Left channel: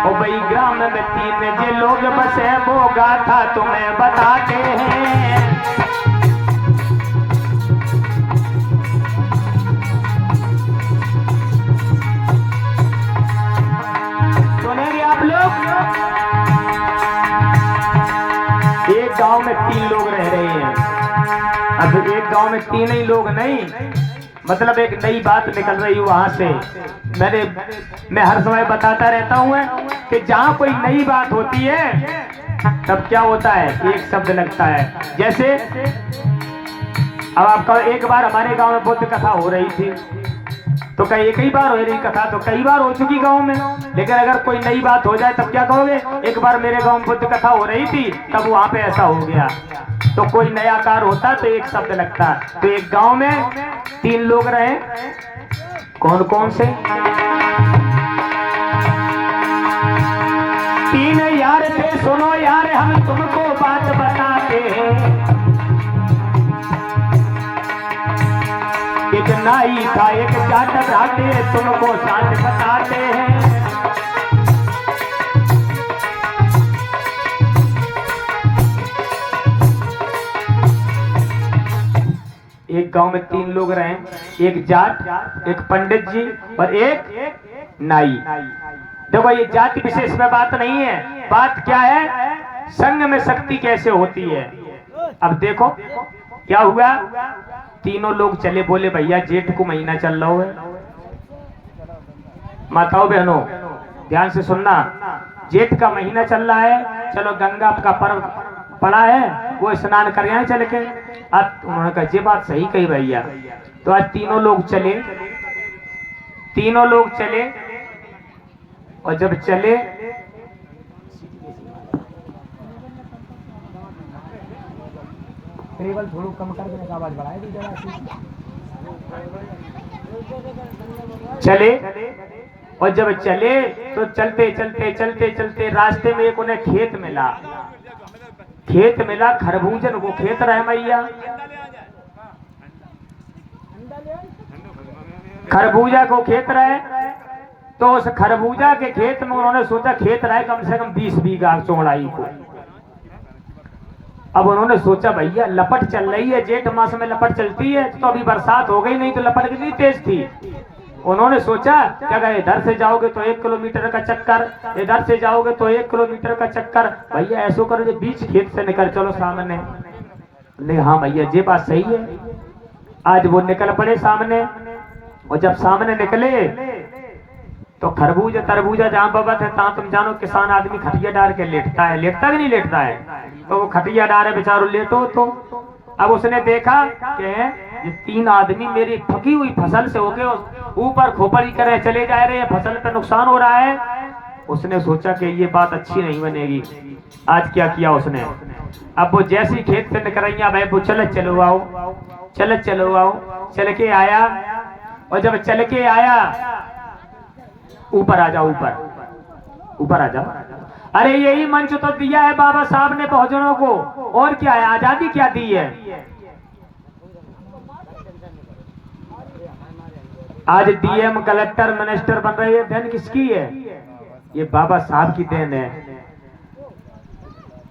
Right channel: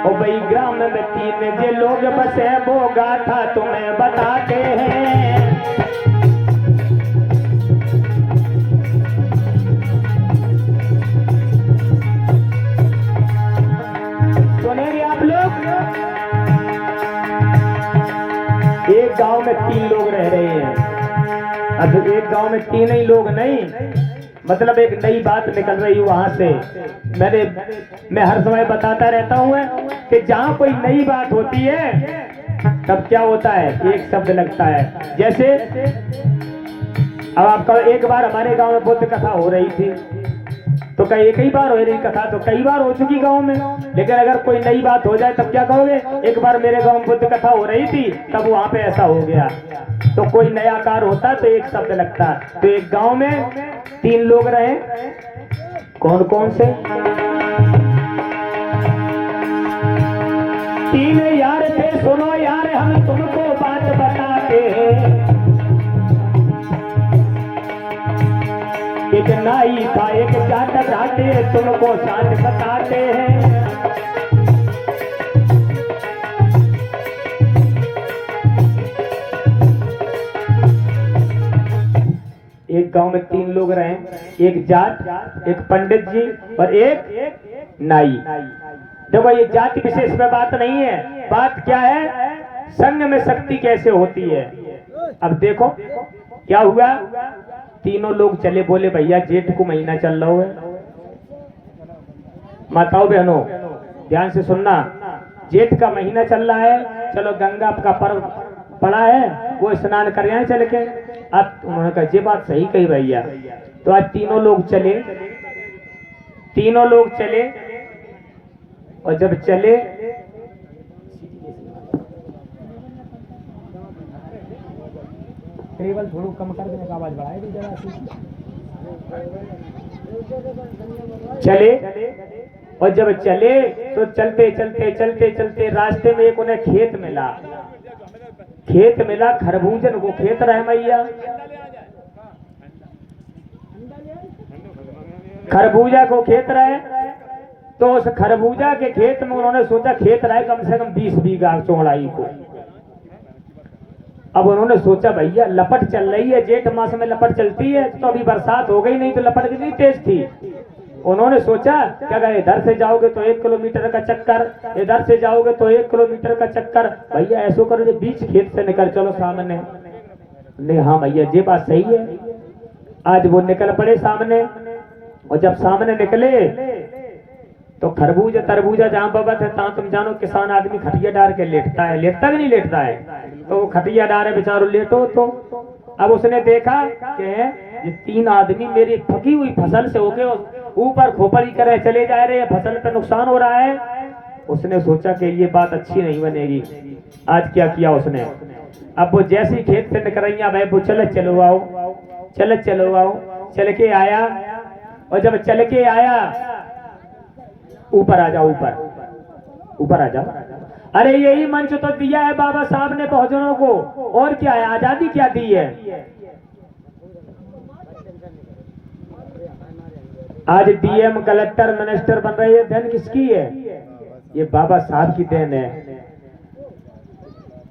ओ भाई ग्राम में 3 जे लोग बसे वो गाथा तुम्हें बताते हैं। सुनेंगे आप लोग। एक गांव में 3 लोग रह रहे हैं। अब एक गांव में 3 ही लोग नहीं, मतलब एक नई बात निकल रही है वहां से। मैं हर समय बताता रहता हूं कि जहां कोई नई बात होती है तब क्या होता है, एक शब्द लगता है। जैसे अब आपका एक बार हमारे गांव में बुद्ध कथा हो रही थी, तो कई एक ही बार हो रही कथा तो कई बार हो चुकी गांव में, लेकिन अगर कोई नई बात हो जाए तब क्या कहोगे, एक बार मेरे गांव में बुद्ध कथा हो रही थी तब वहां पे ऐसा हो गया। तो कोई नया कार होता तो एक शब्द लगता। तो एक गांव में 3 लोग रहे। कौन कौन से? 3 यार थे। सुनो यार हम तुमको बात बताते हैं। एक नाई था एक जाट रहते, तुमको साथ बताते हैं। एक गांव में 3 लोग रहे, एक जाट, एक पंडित जी और एक नाई। देखो ये जाति विशेष में बात नहीं है, बात क्या है, संग में शक्ति कैसे होती है। अब देखो क्या हुआ, तीनों लोग चले, बोले भैया जेठ को महीना चल रहा है। माताओं बहनों ध्यान से सुनना, जेठ का महीना चल रहा है, चलो गंगा का पर्व पड़ा है, वो स्नान कर आए चल के। अब उन्होंने कहा ये बात सही कही भैया। तो आज तीनों लोग चले और जब चले टेबल थोड़ा कम कर देने का आवाज बढ़ाए दी जरा सी। चले और जब चले तो चलते रास्ते में एक उन्हें खेत मिला, खरबूजन को खेत रहे मैया, खरबूजा को खेत रहे। तो उस खरबूजा के खेत में उन्होंने सोचा, खेत रहे कम से कम 20 बीघा चौड़ाई को। अब उन्होंने सोचा भैया लपट चल रही है, जेठ मास में लपट चलती है, तो अभी बरसात हो गई, नहीं तो लपट कितनी तेज थी। उन्होंने सोचा क्या अगर इधर से जाओगे तो 1 किलोमीटर का चक्कर, इधर से जाओगे तो 1 किलोमीटर का चक्कर, भैया ऐसो करो जो बीच खेत से निकल चलो सामने। नहीं हाँ भैया ये बात सही है। आज वो निकल पड़े सामने, और जब सामने निकले तो खरबूजा तरबूजा जहाँ बबत है तहाँ तुम जानो किसान आदमी खटिया डाल के लेटता है, लेटता कि नहीं लेटता है, तो वो खटिया डाल है बेचारो लेटो। तो अब उसने देखा कि ये 3 आदमी मेरी फकी हुई फसल से होके ऊपर खोपड़ी करे चले जा रहे हैं, फसल पे नुकसान हो रहा है। उसने सोचा कि ये बात अच्छी नहीं बनेगी। आज क्या किया उसने, अब वो जैसी खेत से निकल रही भाई वो चलो आओ, चल के आया। और जब चल के आया, ऊपर आ जाओ, ऊपर आ जाओ। अरे यही मंच तो दिया है बाबा साहब ने बहुजनों को, और क्या है, आजादी क्या दी है। आज डीएम कलेक्टर मिनिस्टर बन रहे हैं, देन किसकी है, ये बाबा साहब की देन है।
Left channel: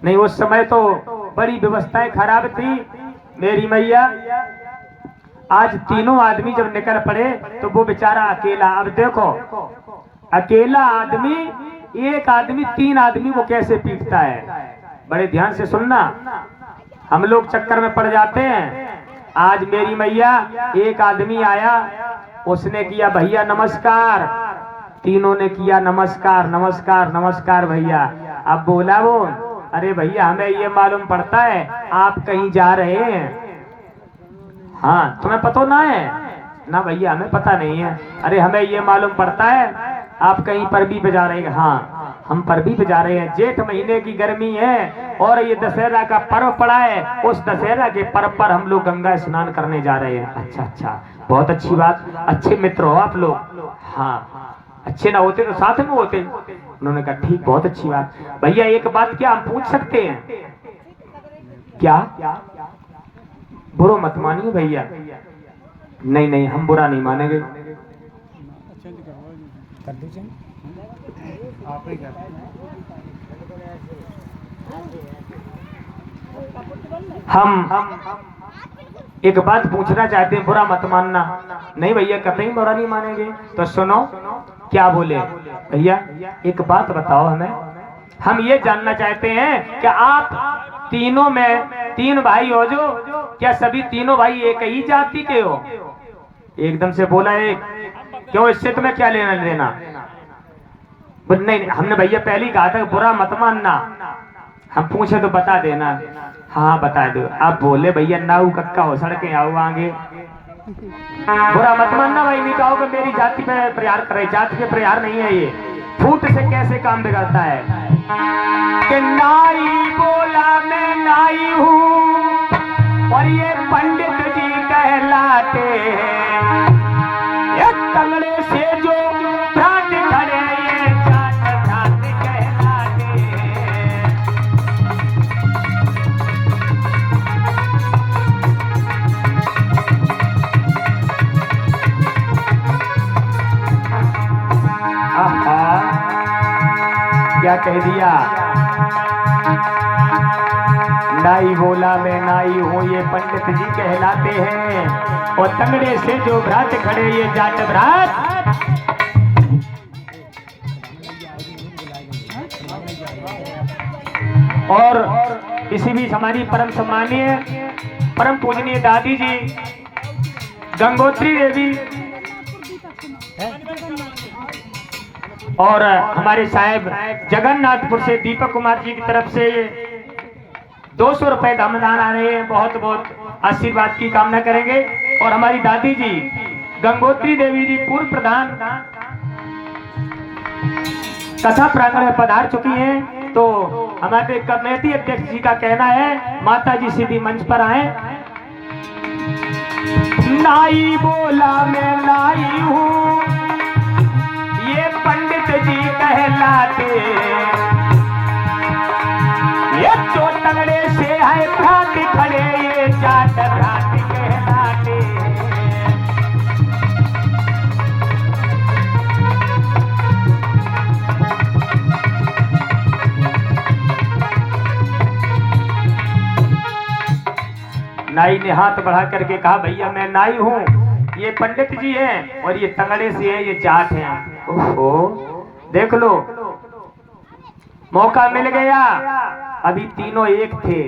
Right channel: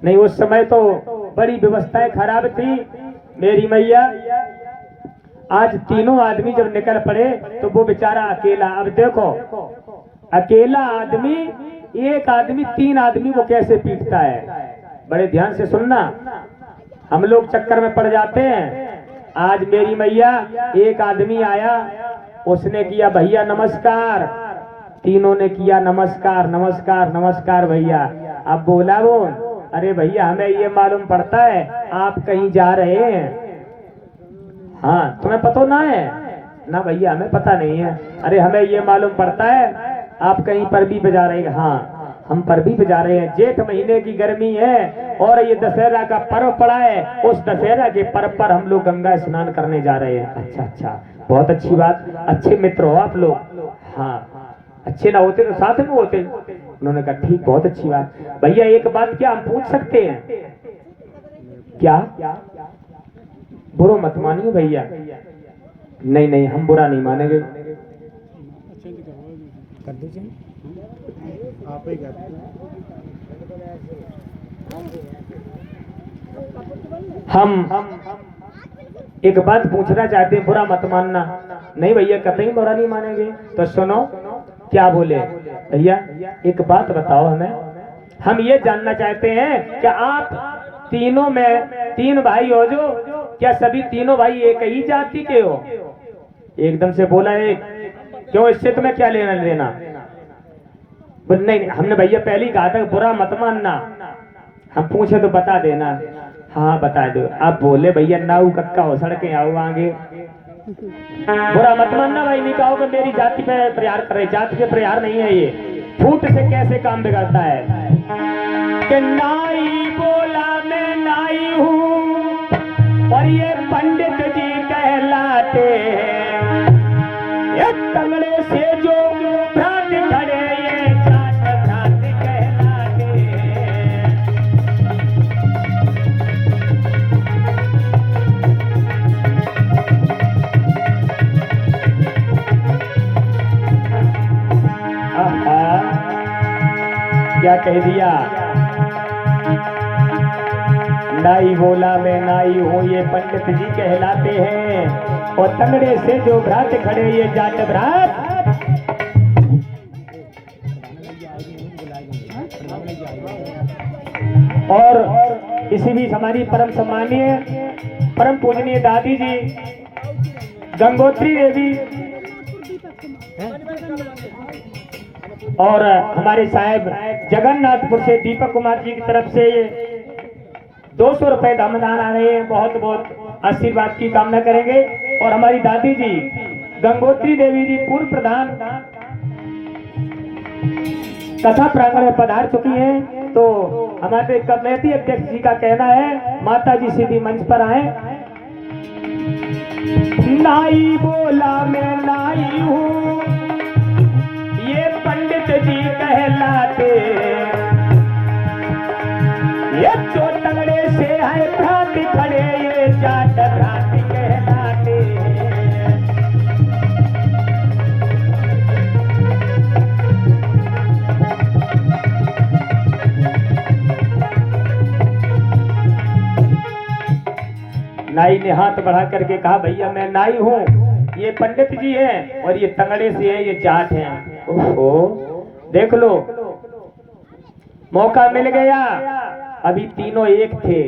नहीं उस समय तो बड़ी व्यवस्थाएं खराब थी मेरी मैया। आज तीनों आदमी जब निकल पड़े तो वो बेचारा अकेला। अब देखो अकेला आदमी, एक आदमी 3 आदमी को कैसे पीटता है। बड़े ध्यान से सुनना, हम लोग चक्कर में पड़ जाते हैं। आज मेरी मैया एक आदमी आया, उसने किया भैया नमस्कार, तीनों ने किया नमस्कार भैया। अब बोला वो, अरे भैया हमें ये मालूम पड़ता है आप कहीं जा रहे हैं। हाँ तुम्हें पता ना है ना भैया, हमें पता नहीं है। अरे हमें ये मालूम पड़ता है आप कहीं परबी पे जा रहे हैं। हाँ हम परबी पे जा रहे हैं, जेठ महीने की गर्मी है और ये दशहरा का पर्व पड़ा है, उस दशहरा के पर्व पर हम लोग गंगा स्नान करने जा रहे हैं। अच्छा बहुत अच्छी बात, अच्छे मित्र हो आप लोग। हाँ अच्छे ना होते तो साथ में होते। उन्होंने कहा ठीक बहुत अच्छी बात। भैया एक बात क्या हम पूछ सकते हैं क्या, बुरा मत मानिए भैया। नहीं हम बुरा नहीं मानेंगे। हम एक बात पूछना चाहते हैं, बुरा मत मानना। नहीं भैया, कतई बुरा नहीं मानेंगे। तो सुनो क्या बोले भैया, एक बात बताओ हमें। हम ये जानना चाहते हैं कि आप तीनों में तीन भाई हो जो, क्या सभी तीनों भाई एक ही जाति के हो? एकदम से बोला एक, क्यों, इससे तुम्हें क्या लेना देना? नहीं, हमने भैया पहले ही कहा था बुरा मत मानना। हम पूछे तो बता देना। हाँ बता दो। आप बोले भैया नाऊ कक्का हो सड़के आओ आगे, बुरा मत मानना भाई। नहीं कहो कि मेरी जाति पे प्रहार करे, जाति पे प्रहार नहीं है ये। फूट से कैसे काम बिगड़ता है कि नाई बोला मैं नाई हूँ और ये पंडित जी कहलाते हैं, ये तंगड़े से जो भ्रात खड़े ये जात भ्रात कहलाते हैं। क्या कह दिया? नाई बोला मैं नाई हूँ ये पंडित जी कहलाते हैं, और तंगड़े से जो भ्रात खड़े ये जाट भ्रात। और इसी बीच हमारी परम सम्मानीय परम पूजनीय दादी जी गंगोत्री देवी और हमारे साहेब जगन्नाथपुर से दीपक कुमार जी की तरफ से 200 रुपए दामदान आ रहे हैं। बहुत बहुत आशीर्वाद की कामना करेंगे। और हमारी दादी जी गंगोत्री देवी जी पूर्व प्रधान कथा प्रांगण में पधार चुकी हैं। तो हमारे कमेटी अध्यक्ष जी का कहना है माता जी सीधी मंच पर आए। नाई बोला मैं नाई हूँ ये पंडित जी कहलाते, ये जो तंगड़े से है भ्रात खड़े ये जाट भ्रात कहलाते। नाई ने हाथ बढ़ा करके कहा भैया मैं नाई हूँ, ये पंडित जी हैं और ये तंगड़े से है ये जाट हैं। ओहो देख लो, मौका मिल गया। अभी तीनों एक थे।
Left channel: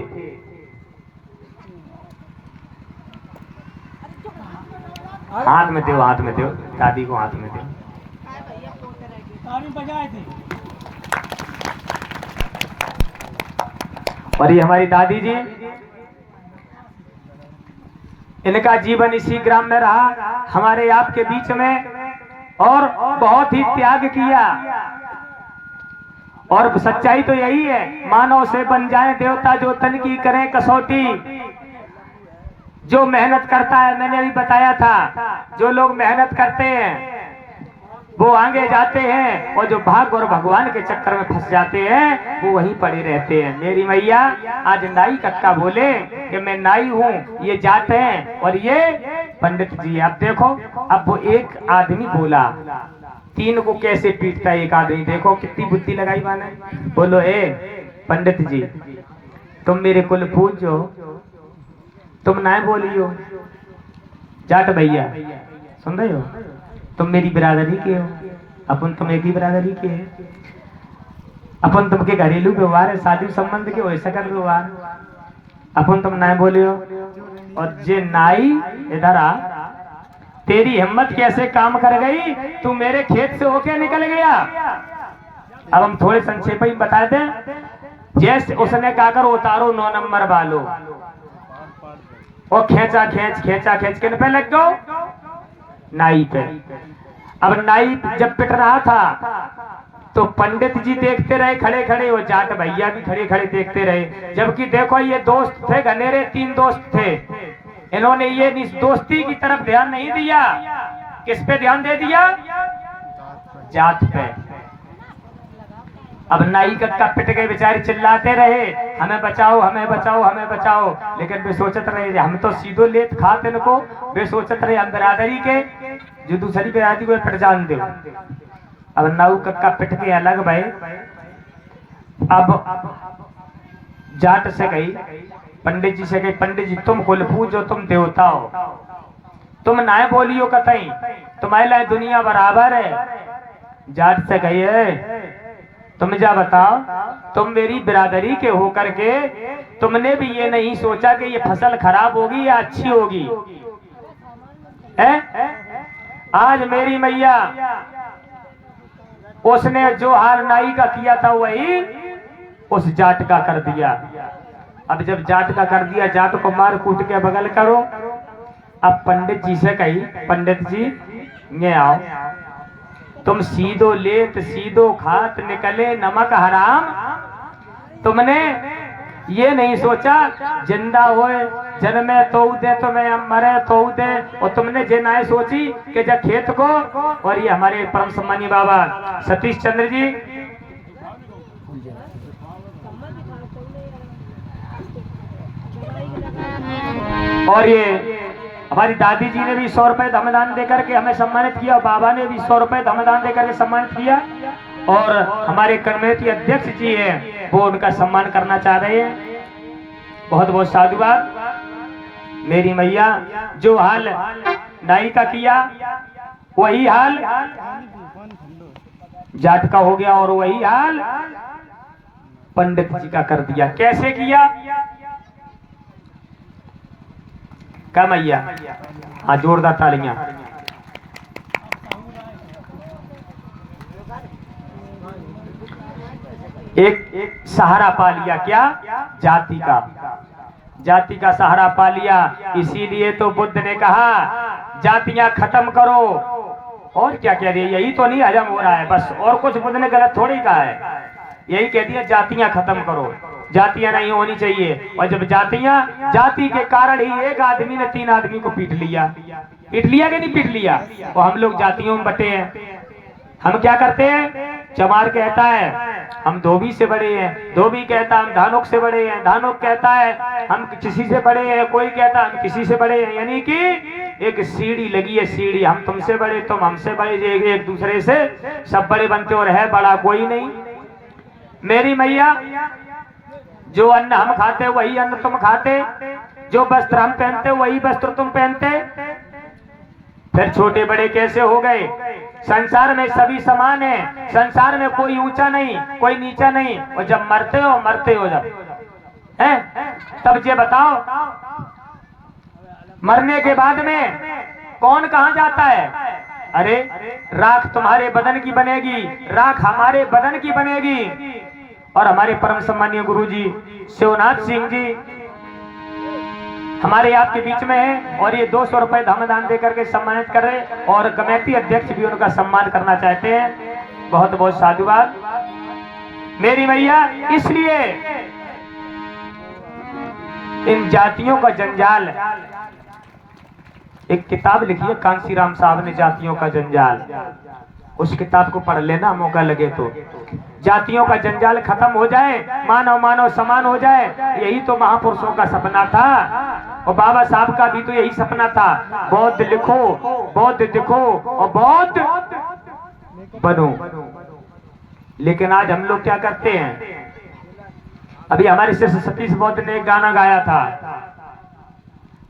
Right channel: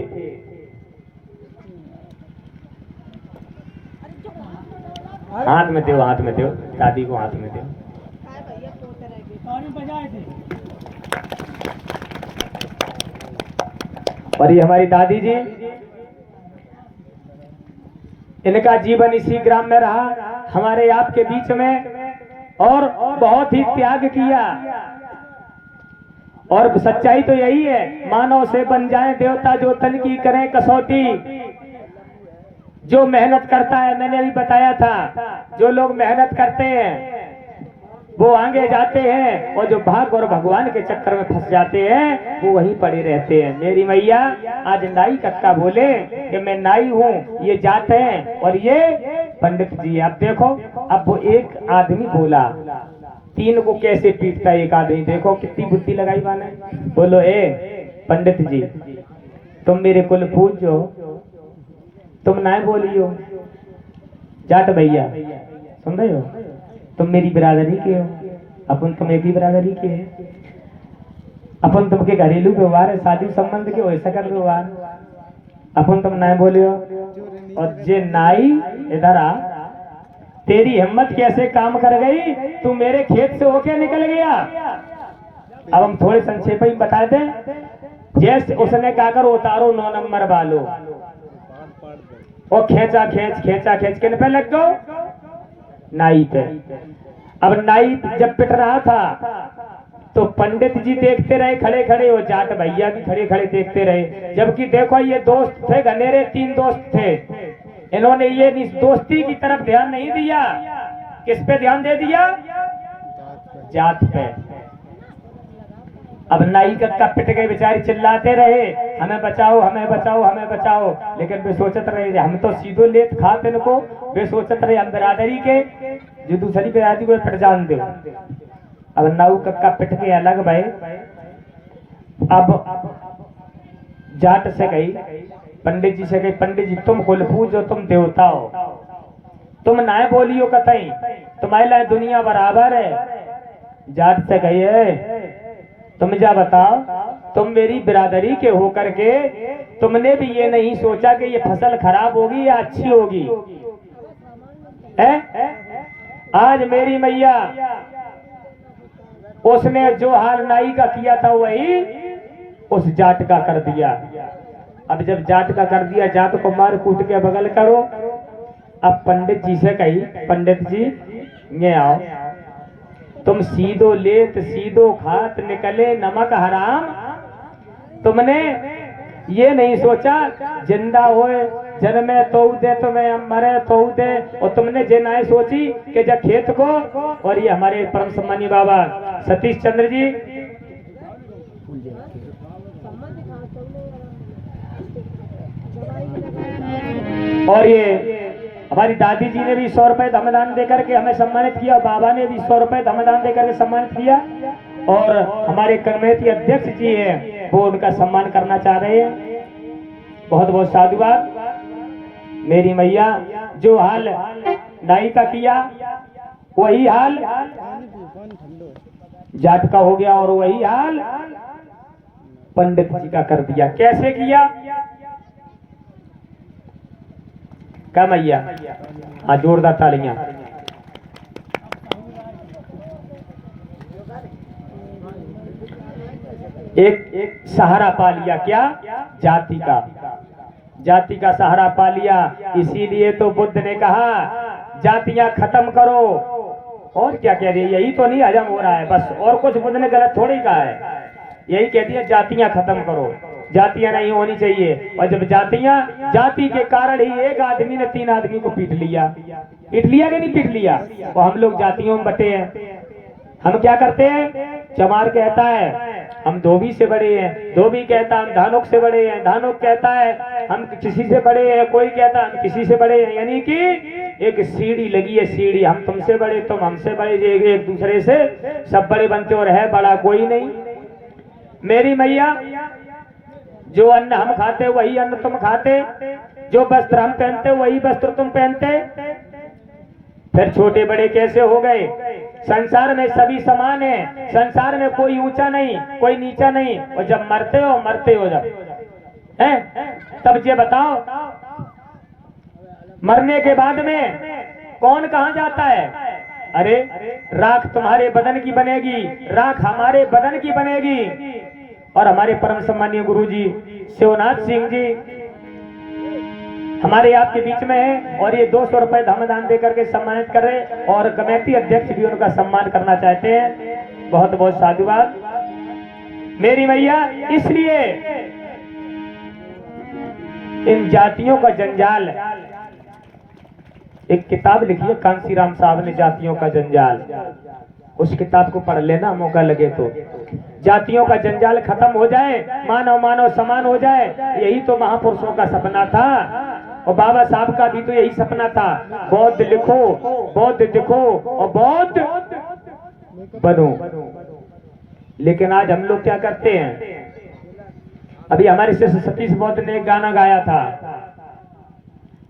हाथ में दो, हाथ में दो, दादी को हाथ में दो। और ये हमारी दादी जी, इनका जीवन इसी ग्राम में रहा, हमारे आपके बीच में, और बहुत ही त्याग किया। और सच्चाई तो यही है, मानव से बन जाए देवता जो तन की करें कसौटी। जो मेहनत करता है, मैंने अभी बताया था, जो लोग मेहनत करते हैं वो आगे जाते हैं, और जो भाग और भगवान के चक्कर में फंस जाते हैं वो वहीं पड़े रहते हैं। मेरी मैया आज नाई कक्का बोले कि मैं नाई हूँ, ये जाते हैं और ये पंडित जी। आप देखो, अब वो एक आदमी बोला, तीन को कैसे पीटता है एक आदमी। देखो कितनी बुद्धि लगाई माने। बोलो ए पंडित जी, तुम मेरे कुल पूजो, तुम ना बोलियो। जाट भैया सुन रहे हो, तुम मेरी बिरादरी के हो, अपन तुम एक ही बिरादरी के है, अपन तुमके घरेलू व्यवहार है, शादी संबंध के वैसा कर व्यवहार, अपन तुम ना बोलियो। और जे नाई इधर आ, तेरी हिम्मत कैसे काम कर गई, तू मेरे खेत से होके निकल गया। अब हम थोड़े संक्षेप ही बता दें। जैसे उसने कहा कर उतारो 9 नंबर वालो, और खेचा खेच किन पे लग गो, नाई पे। अब नाई जब पिट रहा था तो पंडित जी देखते रहे खड़े खड़े, वो जाट भैया भी खड़े खड़े देखते रहे। जबकि देखो ये दोस्त थे घनेरे, 3 दोस्त थे, इन्होंने ये दोस्ती की तरफ ध्यान नहीं दिया। किस पे ध्यान दे दिया? जात पे। अब नाई कक्का पिट गए, बेचारे चिल्लाते रहे हमें बचाओ हमें बचाओ हमें बचाओ। लेकिन वे सोचत रहे हम तो सीधो लेत खाते इनको, वे सोचत रहे हम बिरादरी के, जो दूसरी बिरादरी को पिट जान दो। अब नाऊ कक्का पिट के अलग भाई। अब जाट से गई पंडित जी से गई, पंडित जी तुम कुल पूजो, तुम देवता हो, तुम नाय बोलियो कतई, तुम्हारे लिए दुनिया बराबर है। जाट से गई है, तुम जा बताओ, तुम मेरी बिरादरी के हो करके तुमने भी ये नहीं सोचा कि ये फसल खराब होगी या अच्छी होगी है? आज मेरी मैया उसने जो हाल नाई का किया था वही उस जाट का कर दिया। अब जब जाट का कर दिया, जाट को मार कूट के बगल करो। अब पंडित जी से कही, पंडित जी ये आओ, तुम सीधो लेत सीधो खात निकले नमक हराम। तुमने ये नहीं सोचा जिंदा होए जन्मे तो दे, तुम्हें मरे तो दे, और तुमने ये ना सोची कि जब खेत को। और ये हमारे परम सम्मानी बाबा सतीश चंद्र जी, और ये हमारी दादी जी ने भी 100 रुपए धमदान देकर के हमें सम्मानित किया, बाबा ने भी 100 रुपए धमदान देकर के सम्मानित किया, और हमारे कमेटी अध्यक्ष जी हैं वो उनका सम्मान करना चाह रहे हैं। बहुत बहुत साधुवाद। मेरी मैया जो हाल नाई का किया वही हाल जाट का हो गया, और वही हाल पंडित जी का कर दिया। कैसे किया? क्या मैया? हाँ, जोरदार तालियां। एक सहारा पा लिया, क्या? जाति का, जाति का सहारा पा लिया। इसीलिए तो बुद्ध ने कहा जातियां खत्म करो। और क्या कह रही है? यही तो नहीं हजम हो रहा है बस, और कुछ बुद्ध ने गलत थोड़ी कहा है, यही कह दिया जातियां खत्म करो, जातियां नहीं होनी चाहिए। और जब जाति के कारण ही एक आदमी ने 3 आदमी को पीट लिया कि नहीं पीट लिया? और हम लोग जातियों में बटे हैं। हम क्या करते हैं? चमार कहता है हम धोबी से बड़े हैं, धोबी कहता है हम धानुक से बड़े हैं, धानुक कहता है हम किसी से बड़े हैं, कोई कहता है हम किसी से बड़े हैं। यानी कि एक सीढ़ी लगी है, सीढ़ी, हम तुमसे बड़े तुम हमसे बड़े, एक दूसरे से सब बड़े बनते और है बड़ा कोई नहीं। मेरी मैया जो अन्न हम खाते वही अन्न तुम खाते, जो वस्त्र हम पहनते वही वस्त्र तुम पहनते। फिर छोटे बड़े कैसे हो गए? संसार में सभी समान है, संसार में कोई ऊंचा नहीं कोई नीचा नहीं। और जब मरते हो जब है तब ये बताओ मरने के बाद में कौन कहां जाता है? अरे राख तुम्हारे बदन की बनेगी, राख हमारे बदन की बनेगी। और हमारे परम सम्मानीय गुरुजी शिवनाथ सिंह जी हमारे आपके बीच में है, और ये 200 रुपए धमदान देकर के सम्मानित कर रहे, और कमेटी अध्यक्ष भी उनका सम्मान करना चाहते हैं। बहुत बहुत साधुवाद। मेरी मैया इसलिए इन जातियों का जंजाल, एक किताब लिखी है कांसीराम साहब ने, जातियों का जंजाल, उस किताब को पढ़ लेना मौका लगे तो। जातियों का जंजाल खत्म हो जाए, मानव समान हो जाए, यही तो महापुरुषों का सपना था, और बाबा साहब का भी तो यही सपना था। बौद्ध लिखो, बौद्ध दिखो और बौद्ध बनो। लेकिन आज हम लोग क्या करते हैं? अभी हमारे शिष्य सतीश बौद्ध ने एक गाना गाया था,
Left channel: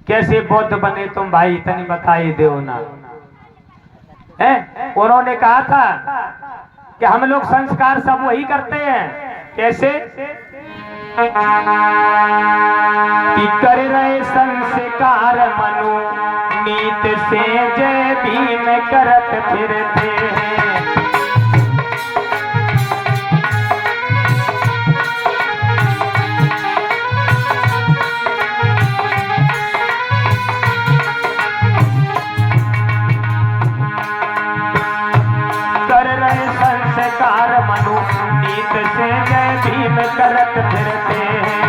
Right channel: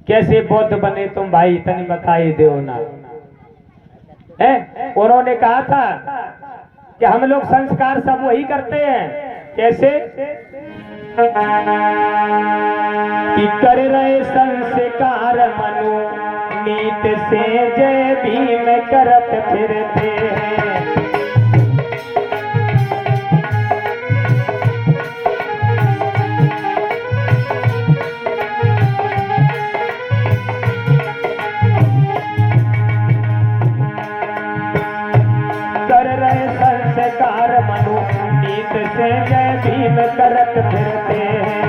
कैसे बौद्ध बने तुम भाई तनी बताइए देव ना है। उन्होंने कहा था कि हम लोग संस्कार सब वही करते हैं। कैसे? कि कर रहे संस्कार मनु नीत से जय भीम करत फिरते हैं। मनु नीत से जय भीम करत फिरते हैं।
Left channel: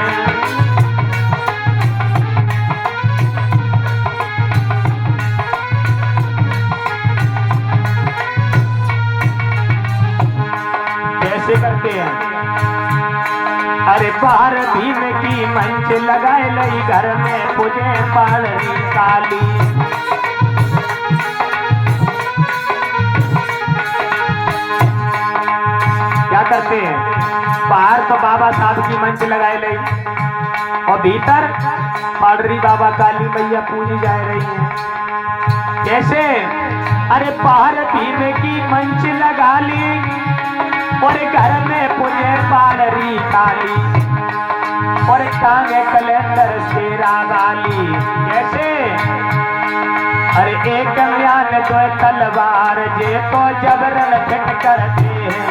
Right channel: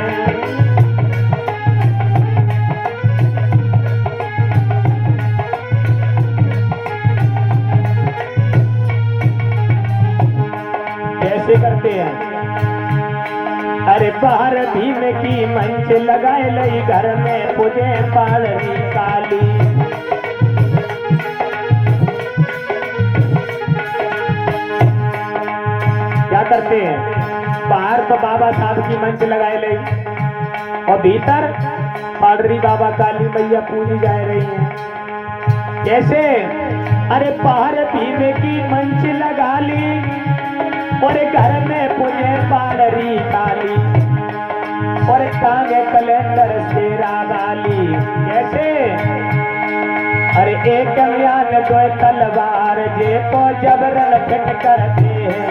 कैसे करते हैं? अरे बाहर भीम की मंच लगाए लई घर में पूजे पालनी काली। क्या करते हैं, बाहर तो बाबा साहब की मंच लगाए ली और भीतर पाडरी बाबा काली मैया पूजी जा रही है। कैसे? अरे बाहर भीम की मंच लगा ली और घर में पूजे पाडरी काली और टांगे कैलेंडर शेरा वाली। कैसे? अरे एक म्यान दो तलवार जे को जबरन फिट करते हैं,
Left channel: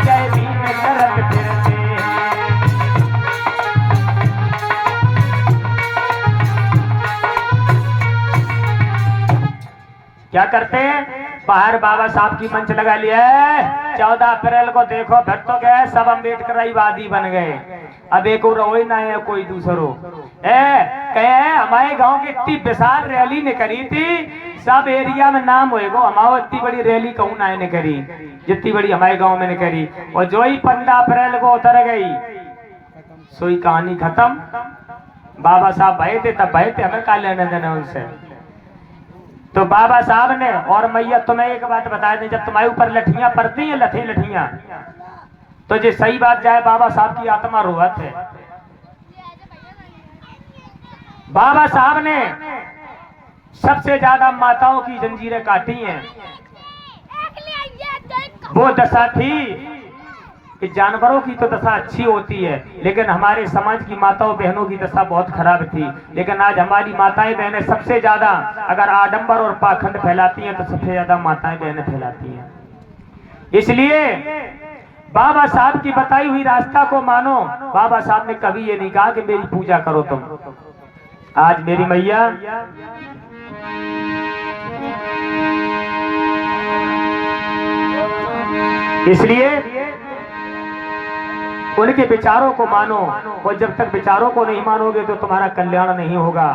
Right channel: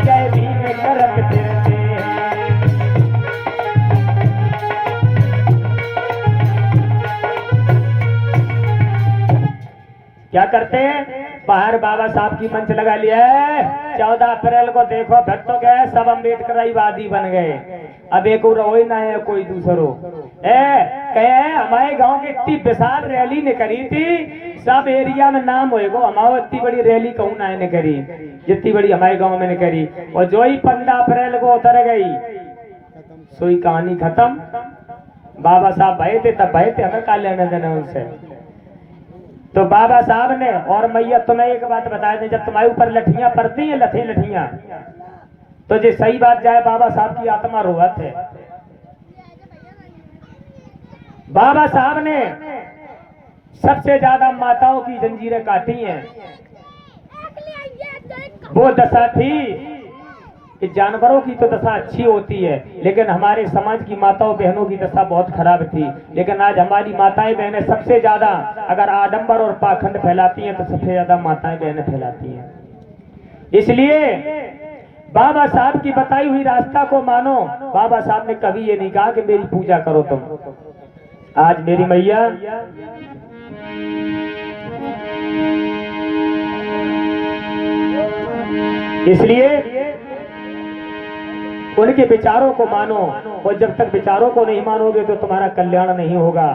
जय भीम करत फिरते हैं। क्या करते हैं, बाहर बाबा साहब की मंच लगा लिया है। 14 अप्रैल को देखो फिर तो गए सब अम्बेडकरवादी बन गए। अब एक रोई ना है कोई दूसरो कहे हमारे गांव की इतनी विशाल रैली ने करी थी, सब एरिया में नाम होएगो हमारे इतनी बड़ी रैली कहूं ना ने करी जितनी बड़ी हमारे गांव में ने करी। और जो ही 15 अप्रैल को उतर गई सोई कहानी खत्म। बाबा साहब भय थे तब भय थे, हमें क्या लेने देने उनसे। तो बाबा साहब ने और मैया तुम्हें एक बात बता दें, जब तुम्हारे ऊपर लठियां पड़ती हैं लठियां तो जो सही बात जाए बाबा साहब की आत्मा रोवत है। बाबा साहब ने सबसे ज्यादा माताओं की जंजीरें काटी हैं। वो दशा थी कि जानवरों की तो दशा अच्छी होती है, लेकिन हमारे समाज की माताओं बहनों की दशा बहुत खराब थी। लेकिन आज हमारी माताएं बहनें सबसे ज्यादा अगर आडंबर और पाखंड फैलाती हैं तो सबसे ज्यादा माताएं बहनें फैलाती हैं। इसलिए बाबा साहब की बताई हुई रास्ता को मानो। बाबा साहब ने कभी ये नहीं कहा कि मेरी पूजा करो तुम। आज मेरी मैया इसलिए उनके विचारों को मानो, और जब तक विचारों को नहीं मानोगे तो तुम्हारा कल्याण नहीं होगा।